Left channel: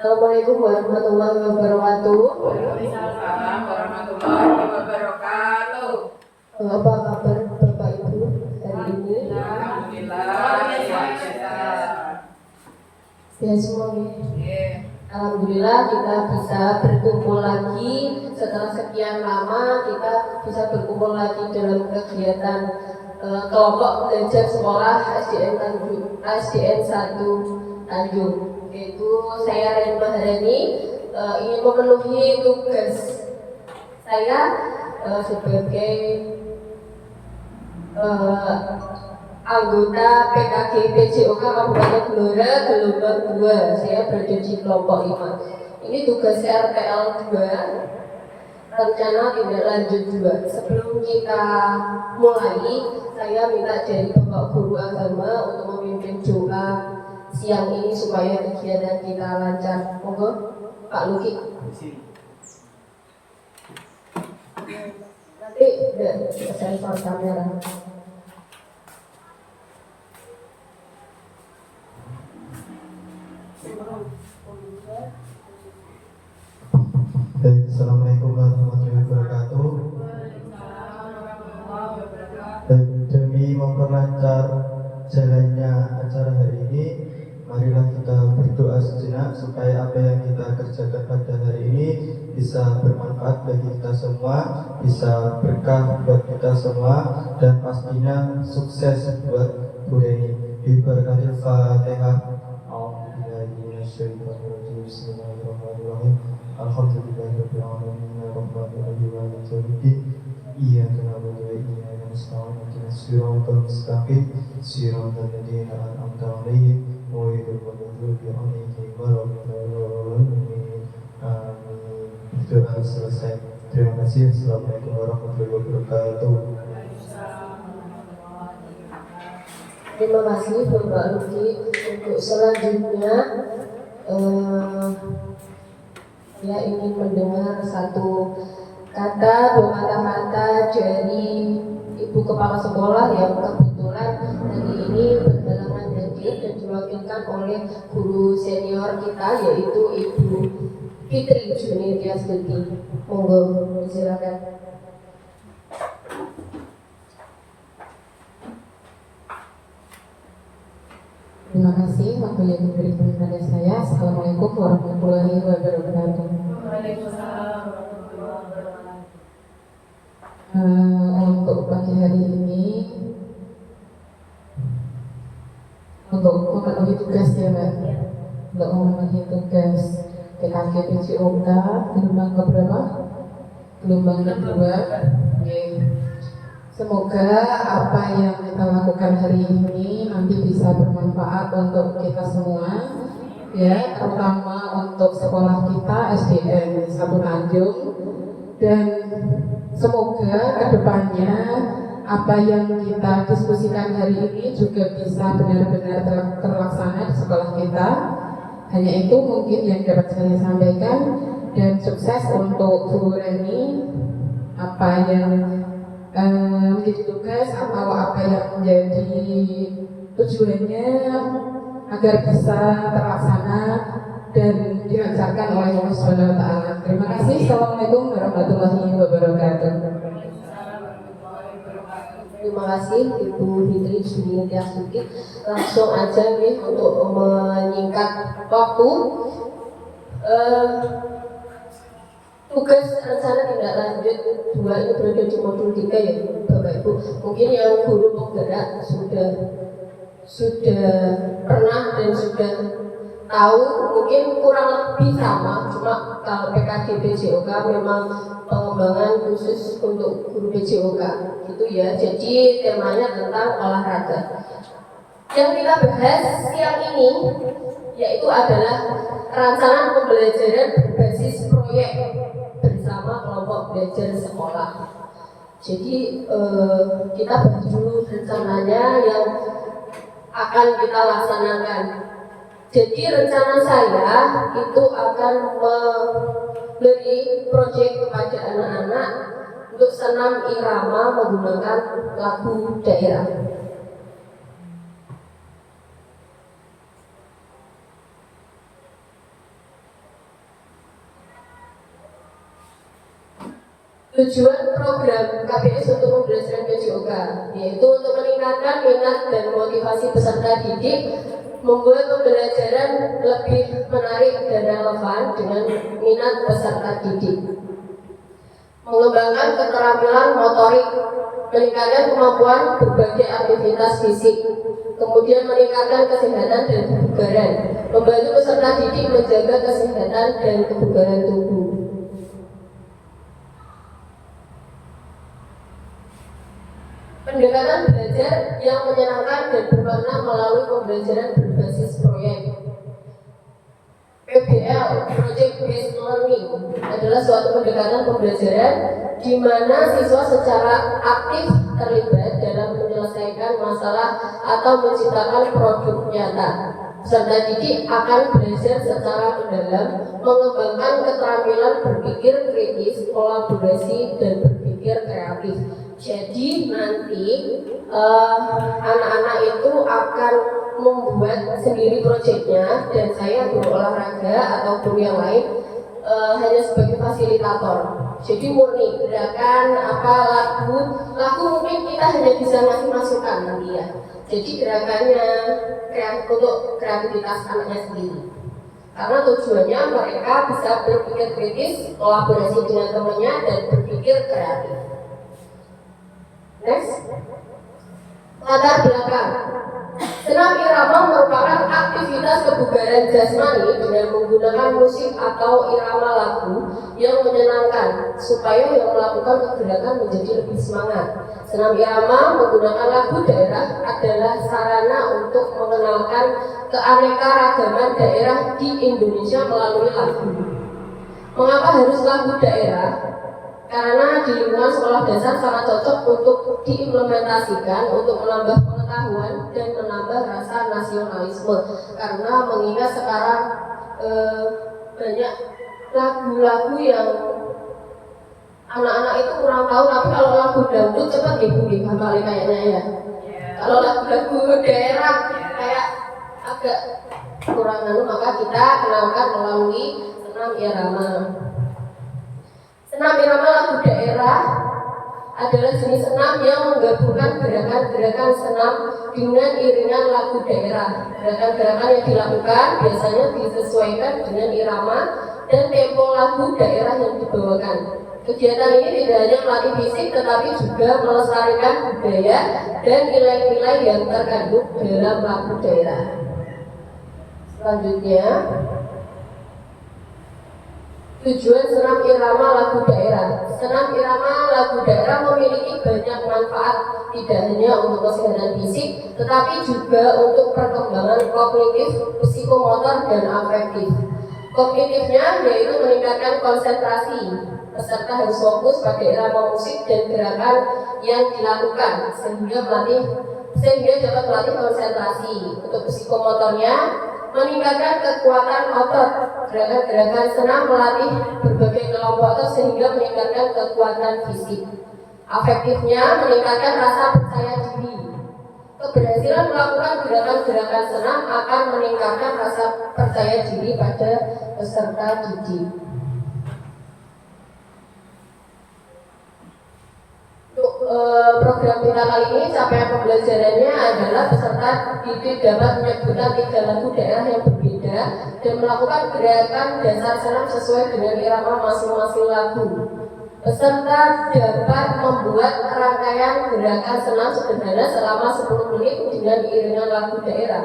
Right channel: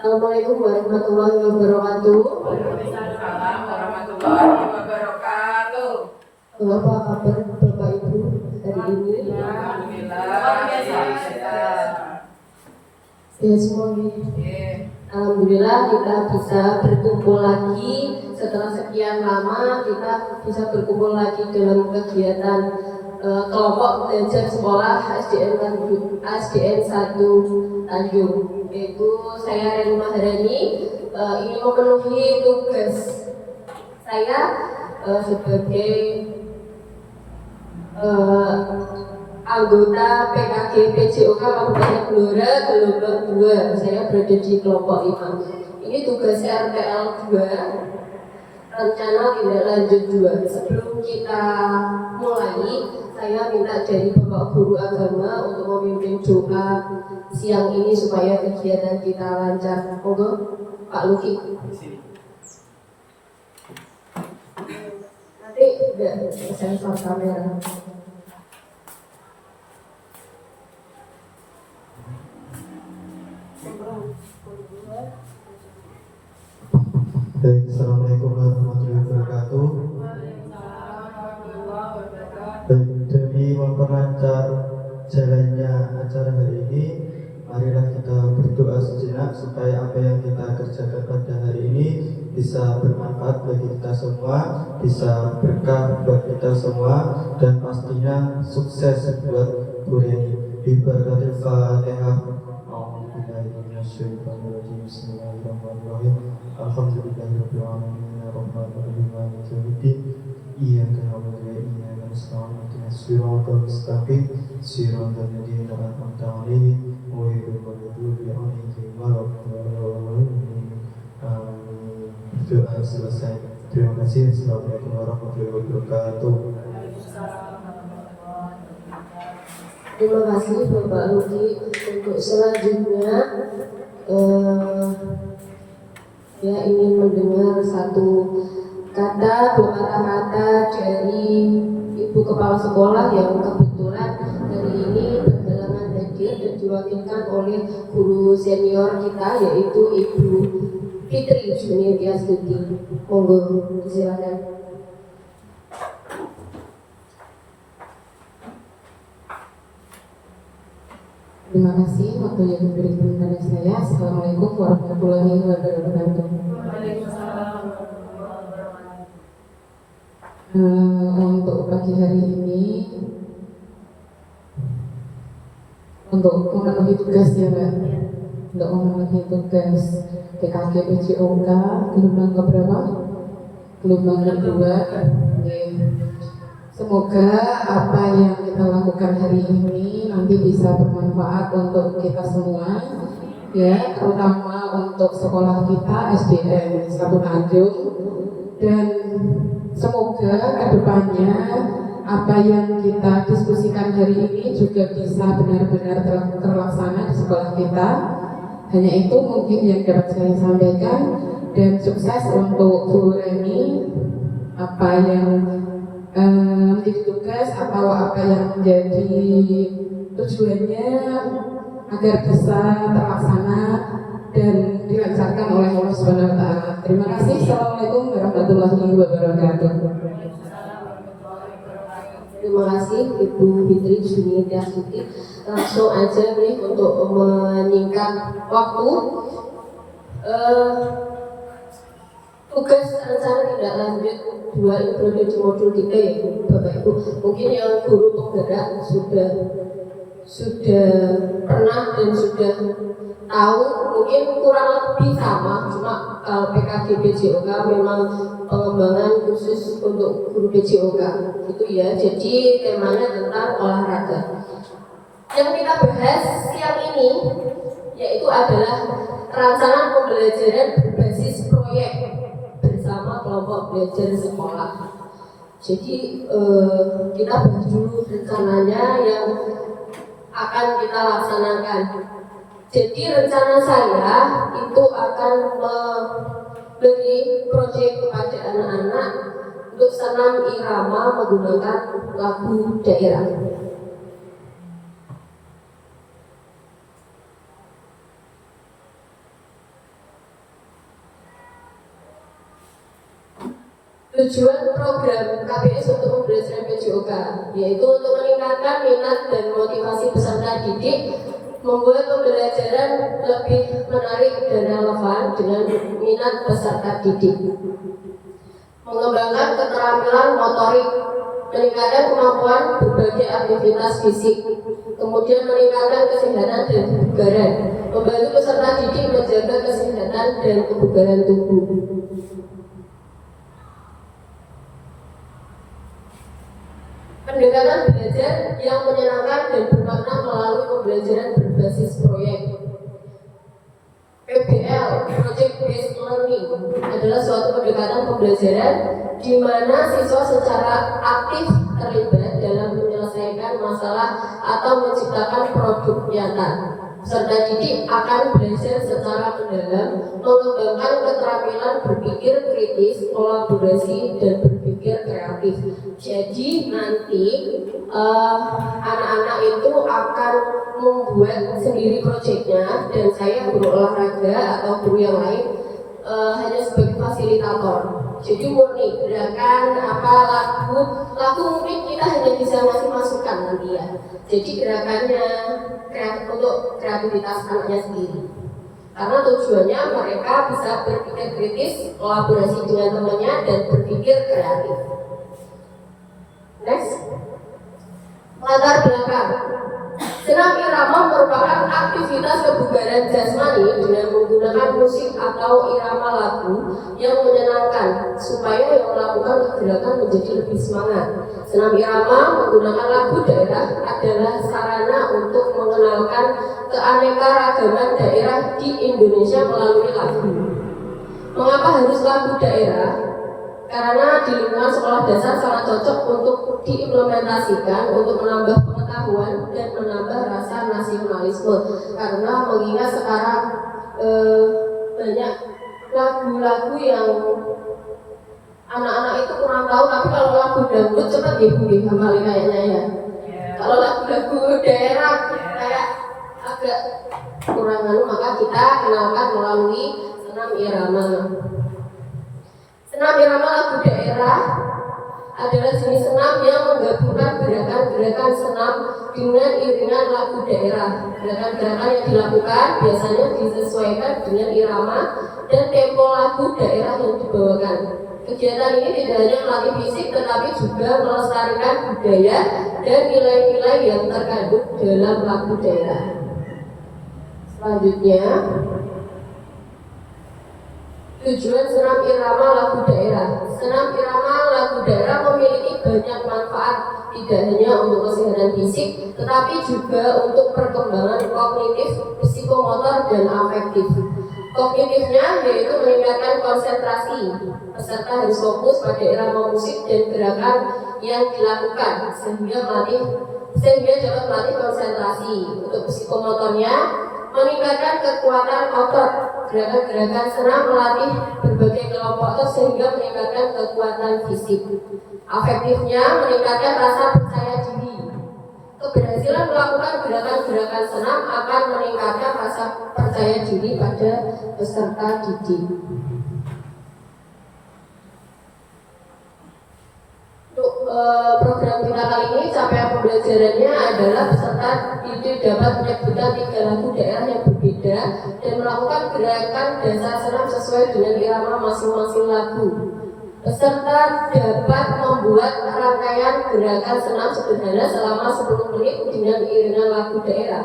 Assalamualaikum warahmatullahi wabarakatuh. Waalaikumsalam warahmatullahi wabarakatuh. Apa kabar Bapak Ibu hari ini? Alhamdulillah. Ya semuanya. Alhamdulillah kita bisa berkumpul lagi setelah sekian lama. Kita bisa berkumpul lagi dalam kegiatan kelompok belajar sekolah SDN 1 Tanjung. Yaitu saya Reni Maharani ingin memenuhi tugas saya sebagai anggota PKG PJOK Kabupaten Blora gelombang 2. Saya berada di kelompok 5. Ini tugas RPL 2, rencana tindak lanjut 2. Sebelum kita mulai, saya minta dari Bapak Guru Agama untuk memimpin doa siang ini supaya kegiatan kita lancar. Monggo Pak Luki. Nanti sensor kamera. Baik, Assalamualaikum warahmatullahi wabarakatuh. Baik, demi memperlancar jalannya acara hari ini, marilah kita berdoa sejenak supaya apa yang kita kerjakan pada hari ini bisa bermanfaat bagi kita semua, bisa berkah buat kita semua, dan pastinya sukses buat Bu Reni. Bibarakatil Fatihah. Bismillahirrahmanirrahim. Alhamdulillahirabbil alamin arrahmanirrahim maliki yaumiddin. Iyyaka na'budu wa iyyaka nasta'in ihdinas siratal mustaqim siratal ladzina an'amta 'alaihim ghairil maghdubi 'alaihim waladdallin. Amin. Doa selesai. Terima kasih. Assalamualaikum warahmatullahi wabarakatuh. Terima kasih Bapak Luki. Untuk selanjutnya ya ingin mendengar satu kata kata dari Ibu Kepala Sekolah yang kebetulan hari ini berhalangan hadir dan diwakilkan oleh guru senior kita yaitu Ibu Fitri Junidiastuti. Monggo silakan. Terima kasih waktu yang diberikan kepada saya. Assalamualaikum warahmatullahi wabarakatuh. Untuk pagi hari ini, untuk memenuhi tugas ya Mbak, untuk memenuhi tugas PKG PJOK gelombang keberapa? Gelombang kedua. Semoga apa yang kita lakukan hari ini nanti bisa bermanfaat untuk kita semua, ya, terutama untuk sekolah kita SDN 1 Tanjung, dan semoga kedepannya apa yang kita diskusikan hari ini juga bisa benar-benar terlaksana di sekolah kita. Hanya itu mungkin yang dapat saya sampaikan, dan sukses untuk Bu Reni. Apa yang menjadi tugas atau apa yang menjadi tujuannya agar bisa terlaksana dan dilancarkan oleh Allah Subhanahu wa taala. Terima kasih. Assalamualaikum warahmatullahi wabarakatuh. Terima kasih Ibu Fitri Junidiastuti. Langsung aja nih untuk menyingkat waktu. Tugas rencana tindak lanjut 2 ini berada di modul 3 ya Bapak Ibu. Mungkin yang guru penggerak sudah pernah dan sudah tahu, mungkin kurang lebih sama. Cuma kalau PKG PJOK memang pengembangan khusus untuk guru PJOK gitu ya. Jadi temanya tentang olahraga. Yang kita bahas siang ini yaitu adalah rancangan pembelajaran berbasis proyek bersama kelompok belajar sekolah. Jadi kita bahas dulu rencananya yang akan kita laksanakan. Jadi rencana saya itu akan memberi proyek kepada anak-anak untuk senam irama menggunakan lagu daerah. Tujuan program KPS untuk pembelajaran PJOK yaitu untuk meningkatkan minat dan motivasi peserta didik, membuat pembelajaran lebih menarik dan relevan dengan minat peserta didik, mengembangkan keterampilan motorik, meningkatkan kemampuan berbagai aktivitas fisik, kemudian meningkatkan kesehatan dan kebugaran, membantu peserta didik menjaga kesehatan dan kebugaran tubuh. Pendekatan belajar yang menyenangkan dan bermakna melalui pembelajaran berbasis proyek. PBL (Project Based Learning) adalah suatu pendekatan pembelajaran di mana siswa secara aktif terlibat dalam menyelesaikan masalah atau menciptakan produk nyata. Peserta didik akan belajar secara mendalam, mengembangkan keterampilan berpikir kritis, kolaborasi, dan berpikir kreatif. Jadi nanti anak-anak itu akan membuat sendiri proyeknya, dan saya guru olahraga atau guru yang lain hanya sebagai fasilitator. Jadi murni gerakan lagu mungkin kita hanya bisa ngasih masukan nanti ya. Jadi gerakannya untuk kreativitas anaknya sendiri. Karena tujuannya mereka bisa berpikir kritis, kolaborasi dengan temannya, dan berpikir kreatif. Next, latar belakang. Senam irama merupakan aktivitas kebugaran jasmani dengan menggunakan musik atau irama lagu yang menyenangkan supaya yang melakukan gerakan menjadi lebih semangat. Senam irama menggunakan lagu daerah adalah sarana untuk mengenalkan keanekaragaman daerah di Indonesia melalui lagu. Mengapa harus lagu daerah? Karena di lingkungan sekolah dasar sangat cocok untuk diimplementasikan untuk menambah pengetahuan dan menambah rasa nasionalisme. Karena mengingat sekarang banyak lagu-lagu yang anak-anak itu kurang tahu, tapi kalau lagu dangdut cepat dihafali kayaknya ya. Kalau lagu-lagu daerah kayak agak kurang maka kita kenalkan melalui senam irama. Senam irama lagu daerah adalah jenis senam yang menggabungkan gerakan-gerakan senam dengan iringan lagu daerah. Gerakan-gerakan yang dilakukan biasanya disesuaikan dengan irama dan tempo lagu daerah yang dibawakan. Kegiatan ini tidak hanya melatih fisik tetapi juga melestarikan budaya dan nilai-nilai yang terkandung dalam lagu daerah. Selanjutnya, tujuan senam irama lagu daerah. Senam irama lagu daerah memiliki banyak manfaat, tidak hanya untuk kesehatan fisik, tetapi juga untuk perkembangan kognitif, psikomotor, dan afektif. Kognitifnya yaitu meningkatkan konsentrasi. Peserta harus fokus pada irama musik dan gerakan yang dilakukan sehingga dapat melatih konsentrasi. Untuk psikomotornya, meningkatkan kekuatan otot. Gerakan-gerakan senam melatih berbagai kelompok otot sehingga meningkatkan kekuatan fisik. Afektifnya meningkatkan rasa percaya diri. Keberhasilan melakukan gerakan-gerakan senam akan meningkatkan rasa percaya diri pada peserta didik. Untuk program kita kali ini, capaian pembelajarannya adalah peserta didik dapat menyebutkan 3 lagu daerah yang berbeda dan melakukan gerakan dasar senam sesuai dengan irama masing-masing lagu. Peserta dapat membuat rangkaian gerakan senam sederhana selama 10 menit dengan iringan lagu daerah.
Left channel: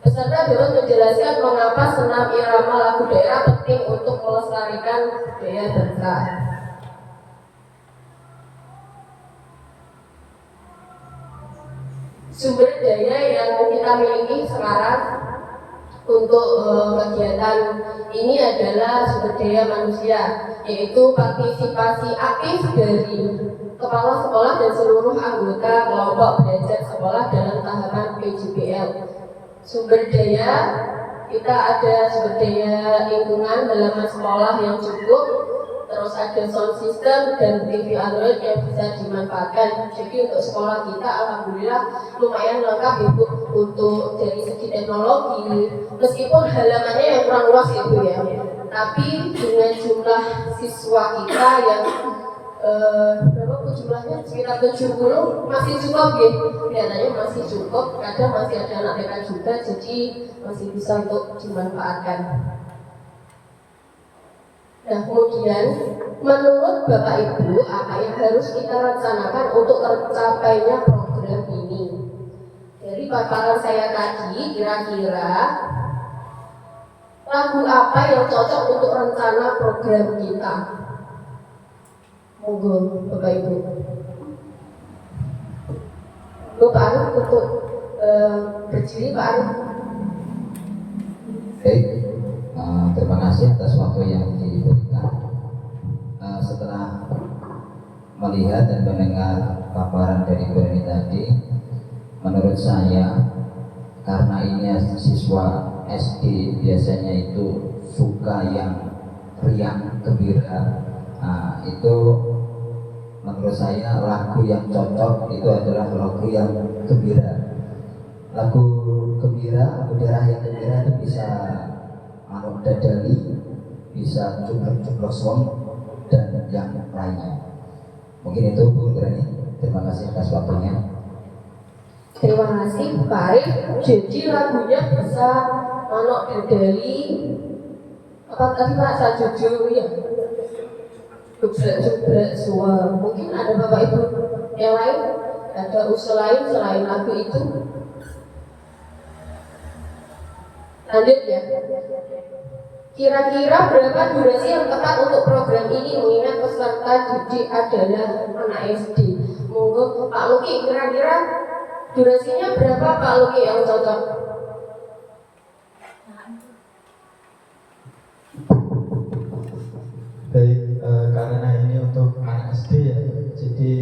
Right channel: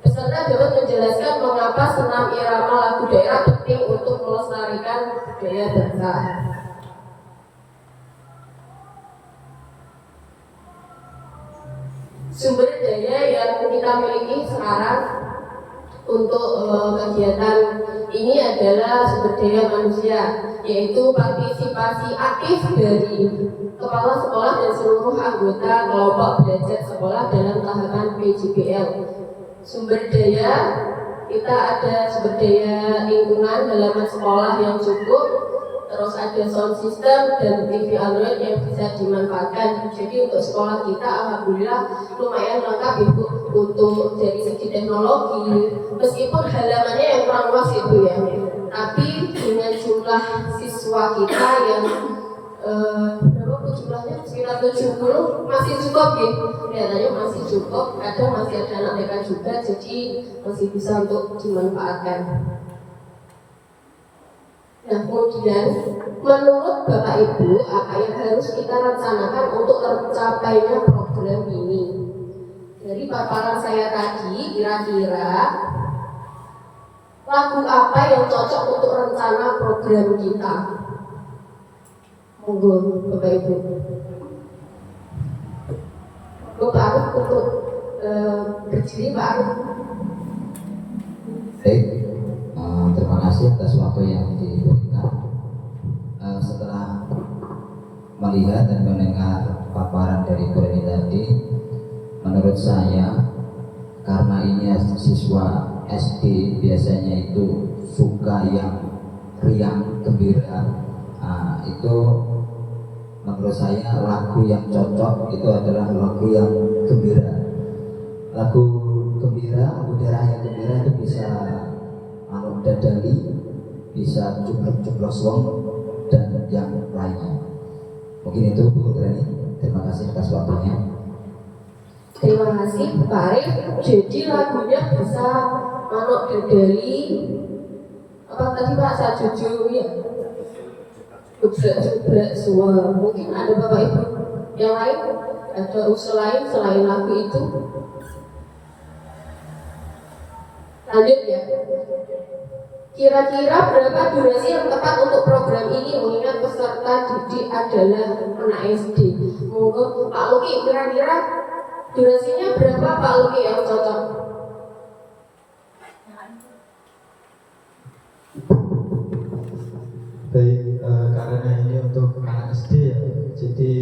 Peserta dapat menjelaskan mengapa senam irama lagu daerah penting untuk melestarikan budaya bangsa. Sumber daya yang kita miliki sekarang untuk kegiatan ini adalah sumber daya manusia, yaitu partisipasi aktif dari kepala sekolah dan seluruh anggota kelompok belajar sekolah dalam tahapan PJBL. Sumber daya, kita ada sumber daya lingkungan halaman sekolah yang cukup, terus ada sound system dan TV Android yang bisa dimanfaatkan. Jadi untuk sekolah kita alhamdulillah lumayan lengkap itu untuk dari segi teknologi, meskipun halamannya yang kurang luas itu ya, tapi dengan jumlah siswa kita yang berapa jumlahnya sekitar 70 masih cukup gitu, kelihatannya masih cukup, kadang masih ada anak TK juga, jadi masih bisa untuk dimanfaatkan. Nah kemudian menurut Bapak Ibu apa yang harus kita rencanakan untuk tercapainya program ini? Dari paparan saya tadi, kira-kira lagu apa yang cocok untuk rencana program kita? Monggo Bapak Ibu. Pak Arif untuk berdiri Pak Arif. Baik, terima kasih atas waktu yang diberikan. Setelah melihat dan mendengar paparan dari Bu Reni tadi, menurut saya karena ini siswa SD biasanya itu suka yang riang, gembira, itu menurut saya lagu yang cocok itu adalah lagu yang gembira. Lagu gembira, lagu daerah yang gembira itu bisa manuk dadali, bisa cuplok-cuplok wong dan yang lainnya. Mungkin itu Bu Reni. Terima kasih atas waktunya. Terima kasih Pak Arif. Jadi lagunya bisa manuk dadali, apa tadi Pak sajuju ya? Jubrak suara. Mungkin ada Bapak Ibu yang lain, ada usul lain selain lagu itu. Lanjut ya. Kira-kira berapa durasi yang tepat untuk program ini mengingat peserta didik adalah anak SD? Monggo Pak Luki, kira-kira durasinya berapa Pak Luki yang cocok? Baik, karena ini untuk anak SD ya, jadi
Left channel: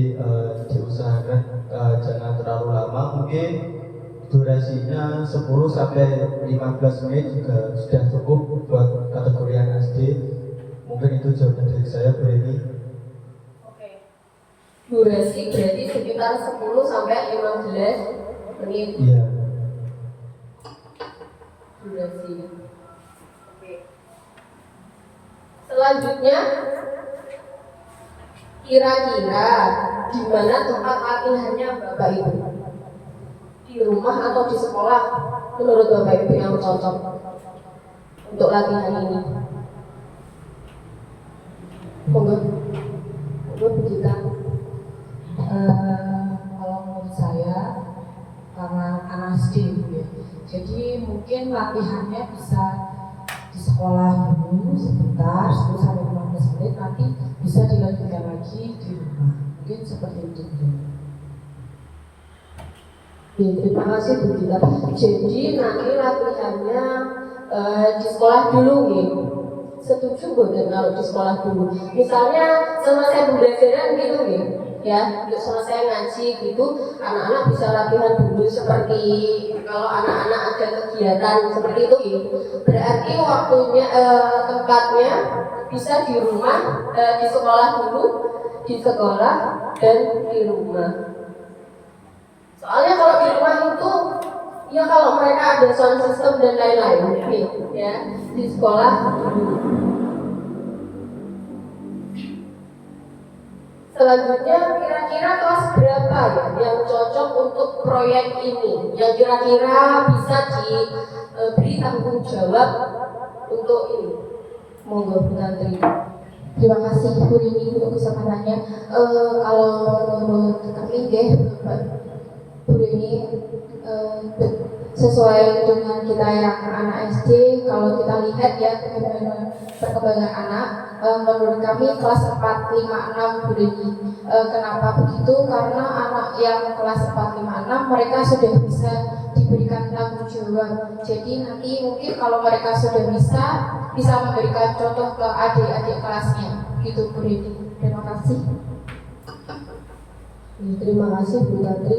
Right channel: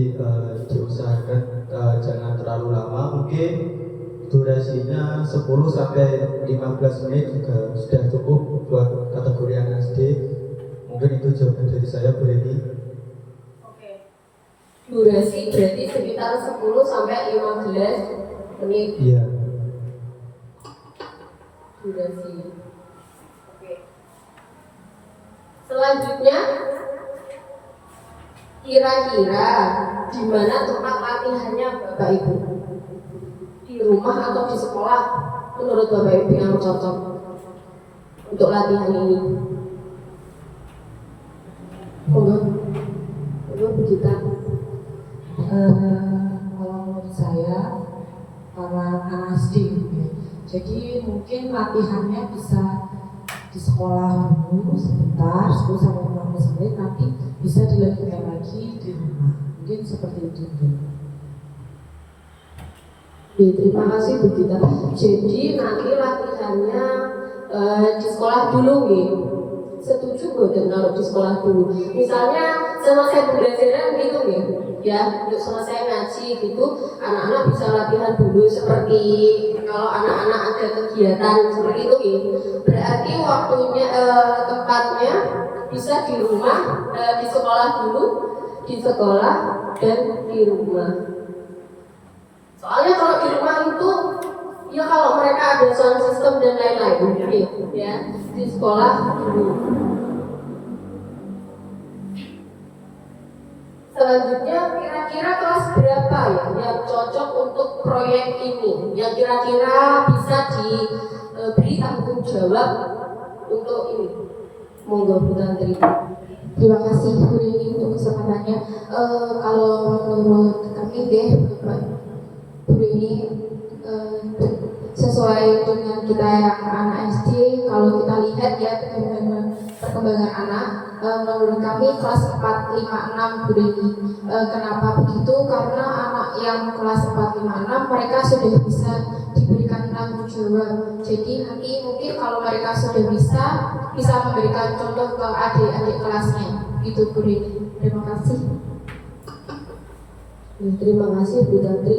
diusahakan jangan terlalu lama. Mungkin durasinya 10 sampai 15 menit juga sudah cukup buat kategori anak SD. Mungkin itu jawaban dari saya, Bu Reni. Oke. Durasi berarti sekitar 10 sampai 15 menit. Iya. Durasi. Oke. Selanjutnya, kira-kira di mana tempat latihannya Bapak Ibu? Di rumah atau di sekolah? Menurut Bapak Ibu yang cocok untuk latihan ini? Monggo begitu. Kalau menurut saya karena anak SD ya, jadi mungkin latihannya bisa di sekolah dulu sebentar 10 sampai 15 menit, nanti bisa dilanjutkan lagi di rumah, mungkin seperti itu. Ya, terima kasih Bu Gita. Jadi nanti latihannya di sekolah dulu gitu. Setuju nggak kalau di sekolah dulu? Misalnya selesai pembelajaran gitu nih, ya, untuk selesai ngaji gitu, anak-anak bisa latihan dulu seperti kalau anak-anak ada kegiatan seperti itu gitu. Berarti waktunya tempatnya bisa di rumah, di sekolah dulu, di sekolah dan di rumah. Soalnya kalau di rumah itu ya kalau mereka ada sound system dan lain-lain gitu, ya di sekolah dulu. Selanjutnya kira-kira kelas berapa ya yang cocok untuk proyek ini, yang kira-kira bisa diberi tanggung jawab untuk ini? Monggo Bu Tantri. Terima kasih Bu Rini untuk kesempatannya. Kalau menurut kami deh, Bu Rini, sesuai dengan kita yang anak SD, kalau kita lihat ya perkembangan anak, menurut kami kelas 4, 5, 6 Bu Rini. Kenapa begitu? Karena anak yang kelas 4, 5, 6 mereka sudah bisa diberikan tanggung jawab. Jadi nanti mungkin kalau mereka sudah bisa memberikan contoh ke adik-adik kelasnya. Gitu Bu Rini. Terima kasih. Terima kasih Bu Tantri.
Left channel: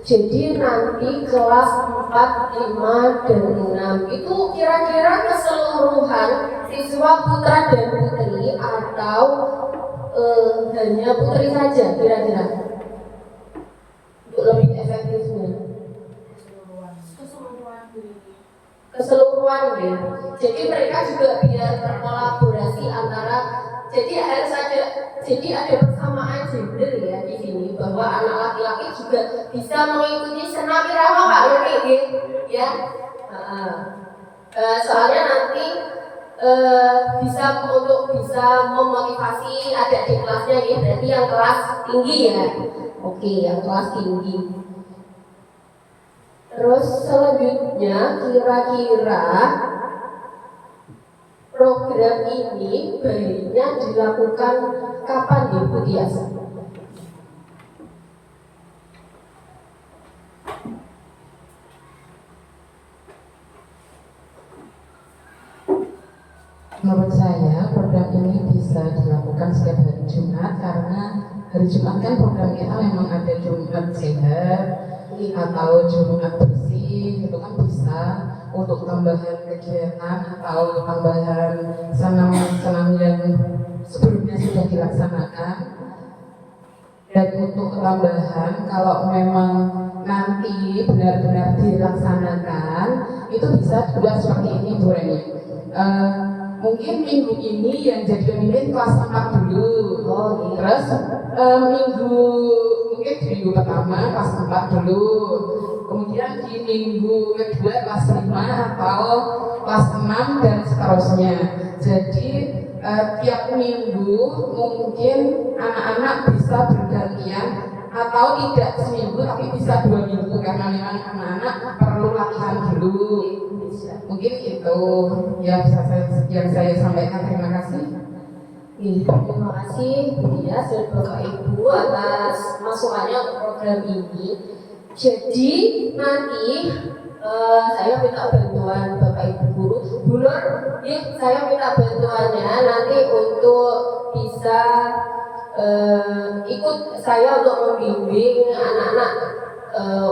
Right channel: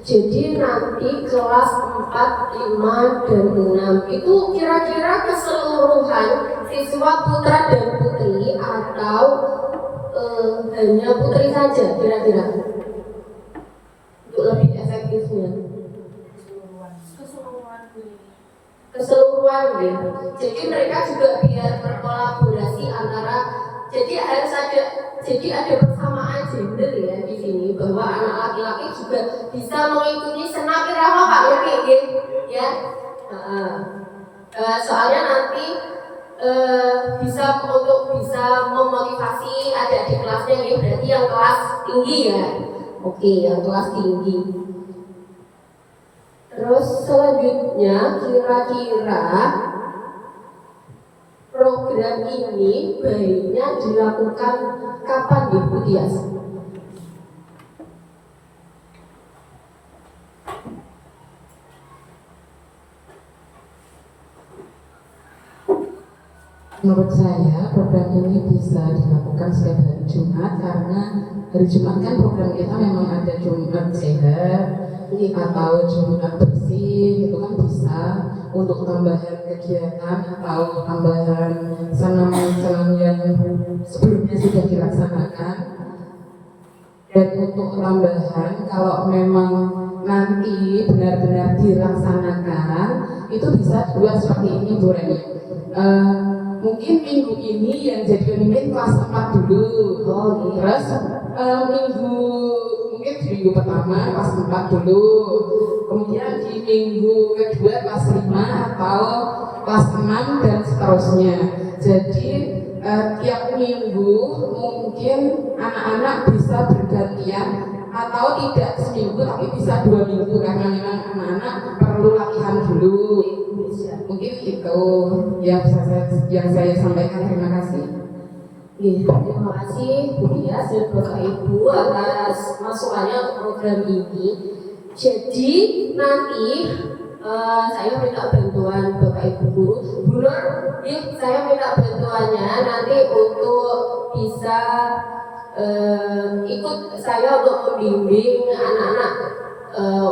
Jadi nanti kelas 4, 5, dan 6 itu kira-kira keseluruhan siswa putra dan putri atau hanya putri saja kira-kira untuk lebih efektifnya? Keseluruhan gitu. Jadi mereka juga biar berkolaborasi antara Jadi ada persamaan gender ya di sini, bahwa anak laki-laki juga bisa mengikuti senam irama Pak Nuri ya. Soalnya nanti bisa memotivasi adik-adik kelasnya ya, berarti yang kelas tinggi ya. Oke, yang kelas tinggi. Terus selanjutnya kira-kira program ini baiknya dilakukan kapan ya Bu Tias? Menurut saya program ini bisa dilakukan setiap hari Jumat, karena hari Jumat kan program kita memang ada Jumat sehat atau Jumat bersih, itu kan bisa untuk tambahan kegiatan atau tambahan senam-senam yang sebelumnya sudah dilaksanakan. Dan untuk tambahan, kalau memang nanti benar-benar dilaksanakan, itu bisa juga seperti ini Bu Reni. Mungkin minggu ini yang jadi pemimpin kelas 4 dulu. Terus mungkin di minggu pertama kelas 4 dulu. Kemudian di minggu kedua kelas 5 atau kelas 6 dan seterusnya. Jadi tiap minggu mungkin anak-anak bisa bergantian, atau tidak seminggu tapi bisa 2 minggu, karena memang anak-anak perlu latihan dulu. Mungkin itu yang saya sampaikan. Terima kasih. Terima kasih Bu Dias dan Bapak Ibu atas masukannya untuk program ini. Jadi nanti saya minta bantuan Bapak Ibu guru, Bu Nur, saya minta bantuannya nanti untuk bisa ikut saya untuk membimbing anak-anak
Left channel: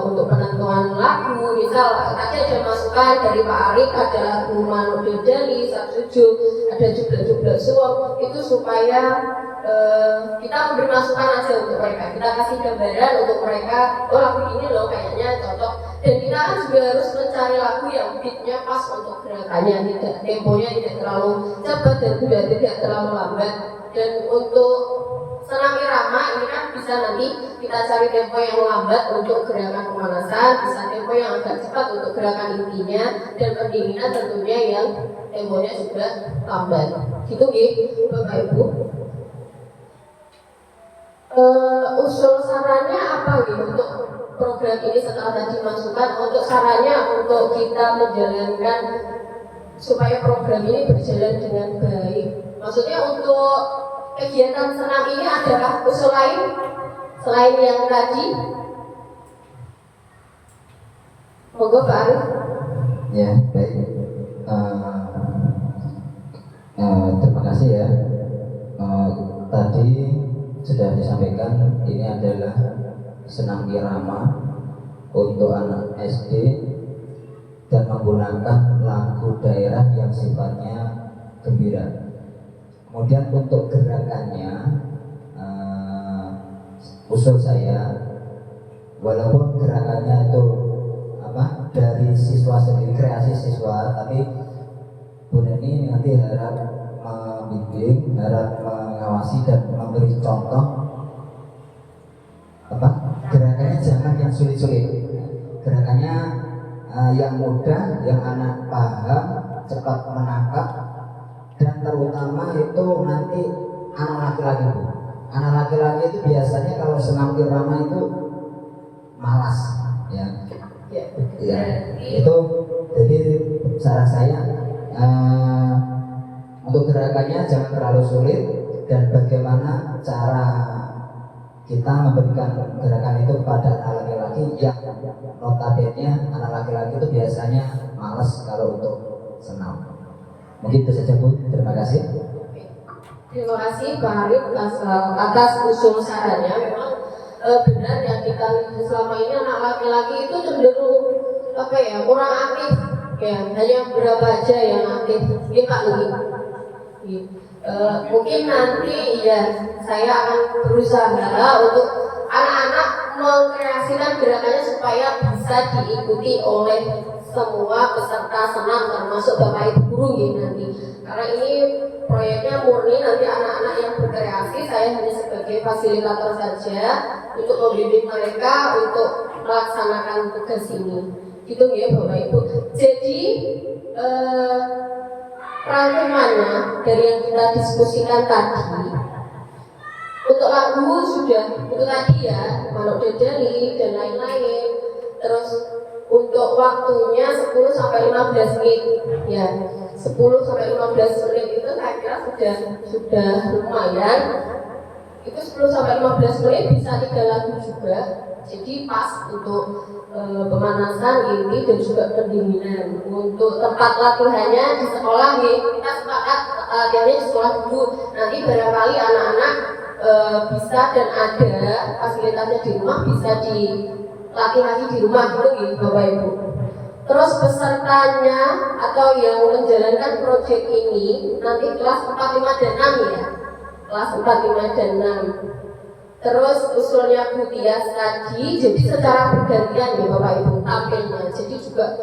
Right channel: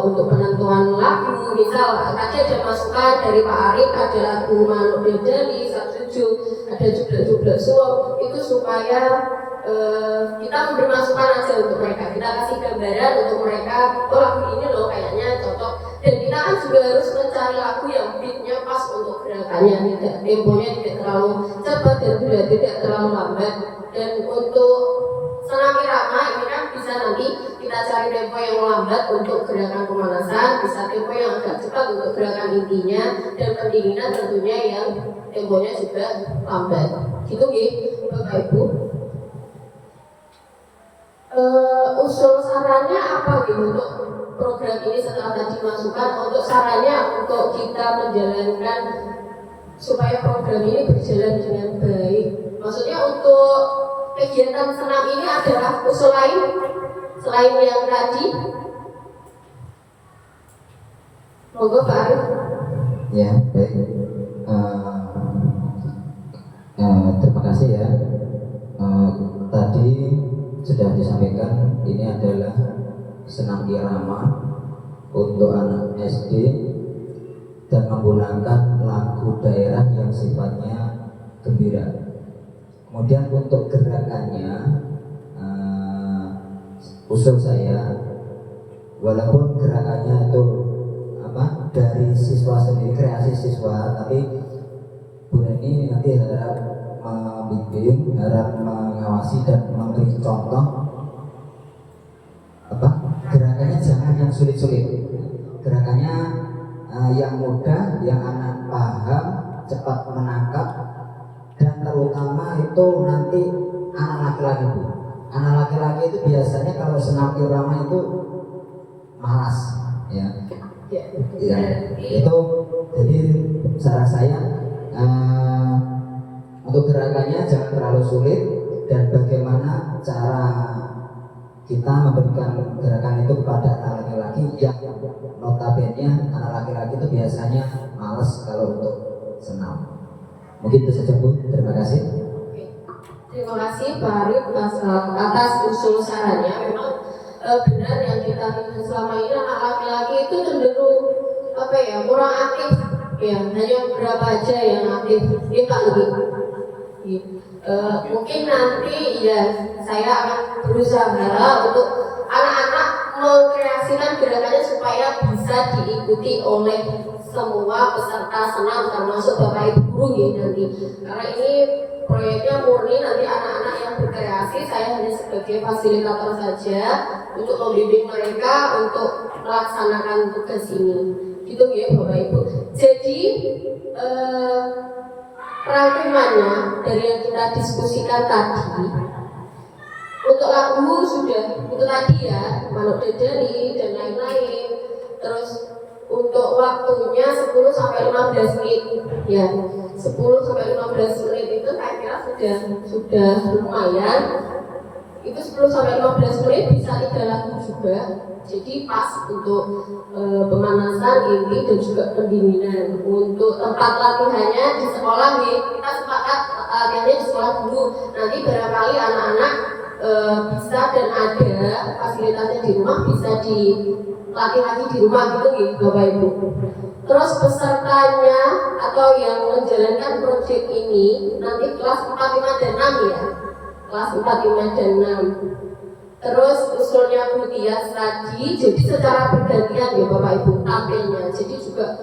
untuk penentuan lagu. Misal tadi ada masukan dari Pak Arif, ada lagu Manuk Bedali, Sabsuju, ada Jublek Suwok, itu supaya kita memberi masukan aja untuk mereka, kita kasih gambaran untuk mereka, oh lagu ini loh kayaknya cocok. Dan kita kan juga harus mencari lagu yang beatnya pas untuk gerakannya, tidak temponya tidak terlalu cepat dan juga tidak terlalu lambat. Dan untuk senam irama ini kan bisa nanti kita cari tempo yang lambat untuk gerakan pemanasan, bisa tempo yang agak cepat untuk gerakan intinya, dan pendinginan tentunya yang temponya juga lambat. Gitu Bapak Ibu. Usul sarannya apa untuk program ini setelah tadi masukan, untuk sarannya untuk kita menjalankan supaya program ini berjalan dengan baik. Maksudnya untuk kegiatan senam ini adalah usul lain selain yang tadi. Monggo Pak Arif. Ya, baik. Terima kasih ya. Tadi sudah disampaikan ini adalah senam irama untuk anak SD dan menggunakan lagu daerah yang sifatnya gembira. Kemudian untuk gerakannya, usul saya, walaupun gerakannya itu dari siswa sendiri, kreasi siswa, tapi Bu Neni nanti harap membimbing, harap mengawasi dan memberi contoh gerakannya jangan yang sulit-sulit, gerakannya yang mudah, yang anak paham, cepat menangkap, dan terutama itu nanti anak laki-laki Bu. Anak laki-laki itu biasanya kalau senam irama itu malas ya. Ya, itu jadi saran saya untuk gerakannya jangan terlalu sulit, dan bagaimana cara kita memberikan gerakan itu kepada anak laki-laki yang notabene anak laki-laki itu biasanya malas kalau untuk senam. Mungkin itu saja Bu, terima kasih. Terima kasih Pak Arif atas usul sarannya. Memang benar yang kita lihat selama ini anak laki-laki itu cenderung kurang aktif ya, hanya beberapa aja yang aktif. Ini Pak mungkin nanti ya saya akan berusaha untuk anak-anak mengkreasikan gerakannya supaya bisa diikuti oleh semua peserta senam termasuk Bapak Ibu guru ya nanti, karena ini proyeknya murni nanti anak-anak saya hanya sebagai fasilitator saja untuk membimbing mereka untuk melaksanakan tugas ini. Gitu ya Bapak Ibu. Jadi rangkumannya dari yang kita diskusikan tadi, untuk lagu sudah itu tadi ya, Manuk Dadari dan lain-lain. Terus untuk waktunya 10 sampai 15 menit ya. 10 sampai 15 menit itu saya kira sudah lumayan. Itu 10 sampai 15 menit bisa 3 lagu juga. Jadi pas untuk pemanasan ini dan juga pendinginan. Untuk tempat latihannya di sekolah nih, kita sepakat latihannya di sekolah dulu. Nanti barangkali anak-anak bisa dan ada fasilitasnya di rumah, bisa dilatih lagi di rumah gitu ya Bapak Ibu. Terus pesertanya atau yang menjalankan proyek ini nanti kelas 4, 5, dan 6 ya. Kelas 4, 5, dan 6. Terus usulnya Bu Tias tadi, jadi secara bergantian ya Bapak Ibu tampilnya. Jadi juga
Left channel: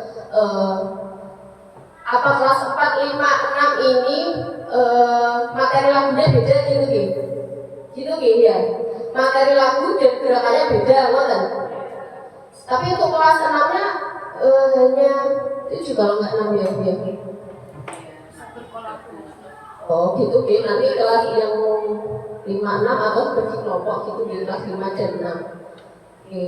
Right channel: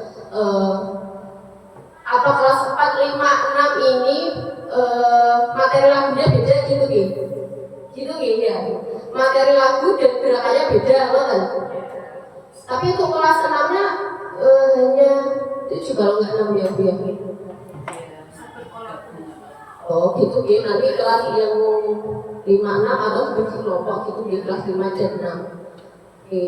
apa kelas 4, 5, 6 ini materi lagunya beda gitu gitu. Gitu ya. Materi lagu dan gerakannya beda, kan? Tapi untuk kelas 6-nya hanya itu juga enggak 6 ya Bu ya. Oh gitu ya, nanti kelas yang 5, 6 atau seperti kelompok gitu di kelas 5 dan 6. Oke,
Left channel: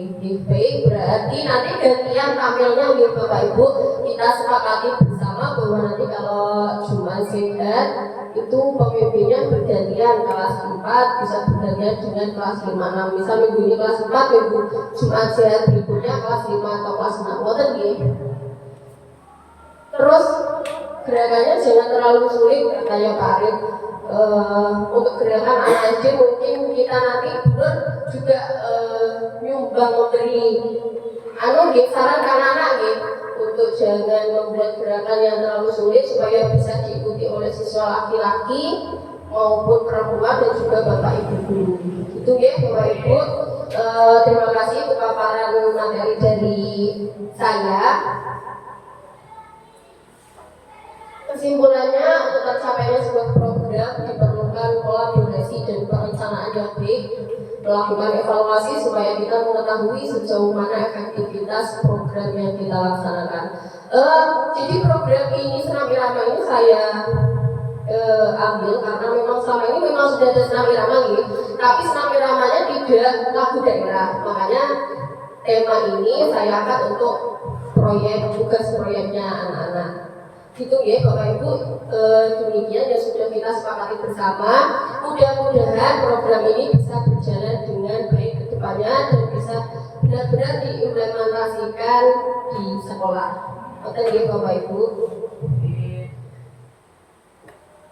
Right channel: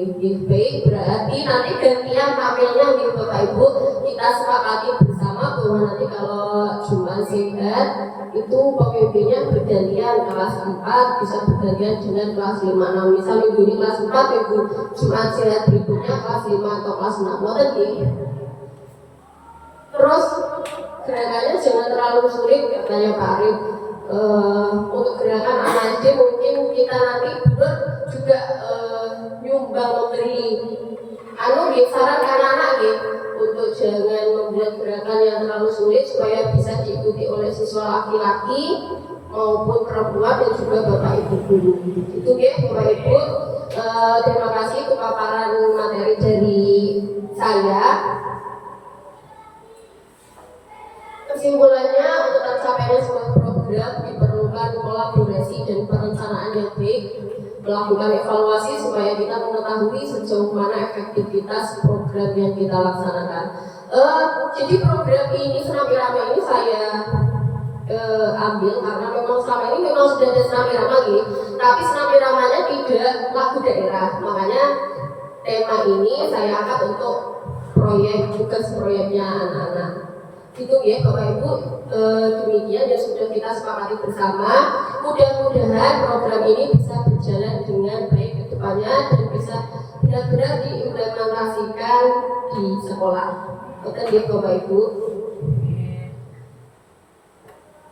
baik, berarti nanti gantian tampilnya nih Bapak Ibu, kita sepakati bersama bahwa nanti kalau Jumat Sehat itu pemimpinnya bergantian kelas 4 bisa bergantian dengan kelas 5, 6. Misal minggu ini kelas 4, minggu Jumat Sehat berikutnya kelas 5 atau kelas 6. Ngoten nggih. Terus gerakannya jangan terlalu sulit katanya Pak Arif. Untuk gerakan anak SD mungkin kita nanti juga nyumbang memberi saran ke anak-anak untuk jangan membuat gerakan yang terlalu sulit supaya bisa diikuti oleh siswa laki-laki maupun perempuan dan juga Bapak Ibu guru. Itu ya Bapak Ibu. Terima kasih untuk paparan materi dari saya. Kesimpulannya, untuk tercapainya sebuah program diperlukan kolaborasi dan perencanaan yang baik, melakukan evaluasi supaya kita mengetahui sejauh mana efektivitas program yang kita laksanakan. Jadi program ini Senam Irama ini saya ambil karena memang selama ini memang sudah ada Senam Irama ini, tapi Senam Iramanya tidak lagu daerah. Makanya tema ini saya angkat untuk tugas proyeknya anak-anak. Itu ya Bapak Ibu, demikian yang sudah kita sepakati bersama. Mudah-mudahan program ini bisa berjalan dengan baik ke depannya dan bisa benar-benar diimplementasikan di sekolah. Oke ya Bapak Ibu.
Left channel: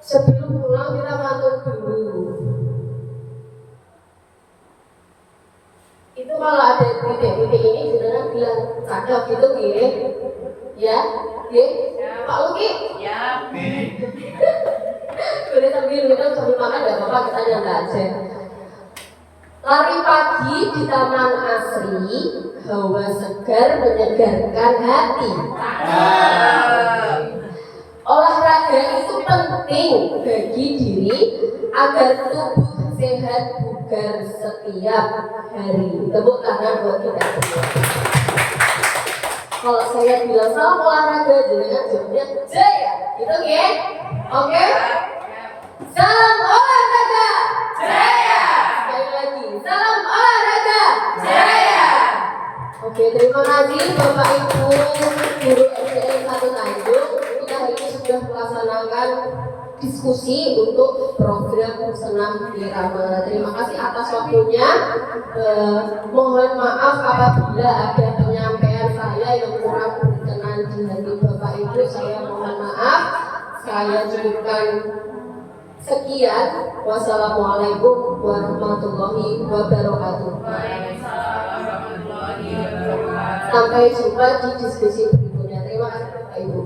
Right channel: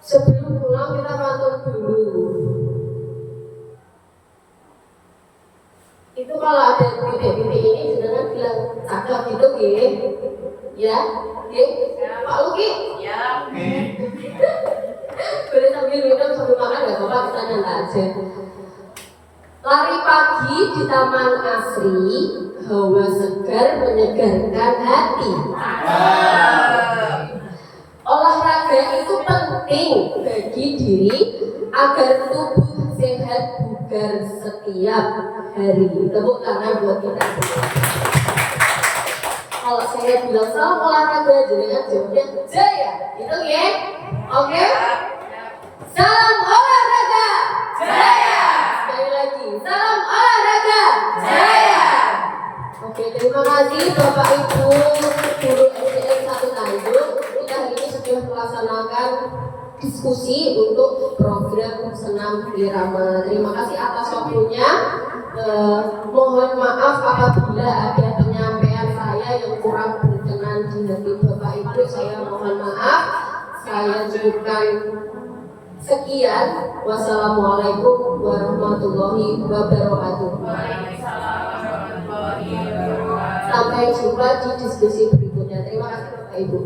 Sebelum pulang kita matur dulu. Itu kalau ada titik-titik ini jenengan bilang cakep gitu ya, Pak Luki, Ya. boleh sambil minum sambil makan nggak apa-apa, kita nyantai aja. Lari pagi di Taman Asri, hawa segar menyegarkan hati. Olahraga itu penting bagi diri agar tubuh sehat bugar setiap hari. Tepuk tangan buat kita semua. Kalau saya bilang salah olahraga, jangan jawabnya jaya, gitu ya? Oke? Salam olahraga, jaya. Sekali lagi, salam olahraga, jaya. Oke, terima kasih Bapak Ibu guru SDN 1 Tanjung. Kita hari ini sudah melaksanakan diskusi untuk program Senam Irama. Terima kasih atas waktunya. Mohon maaf apabila ada penyampaian saya yang kurang berkenan di hati Bapak Ibu. Saya mohon maaf. Saya cukupkan sekian. Wassalamualaikum warahmatullahi wabarakatuh. Sampai jumpa di diskusi berikutnya. Terima kasih Bapak Ibu.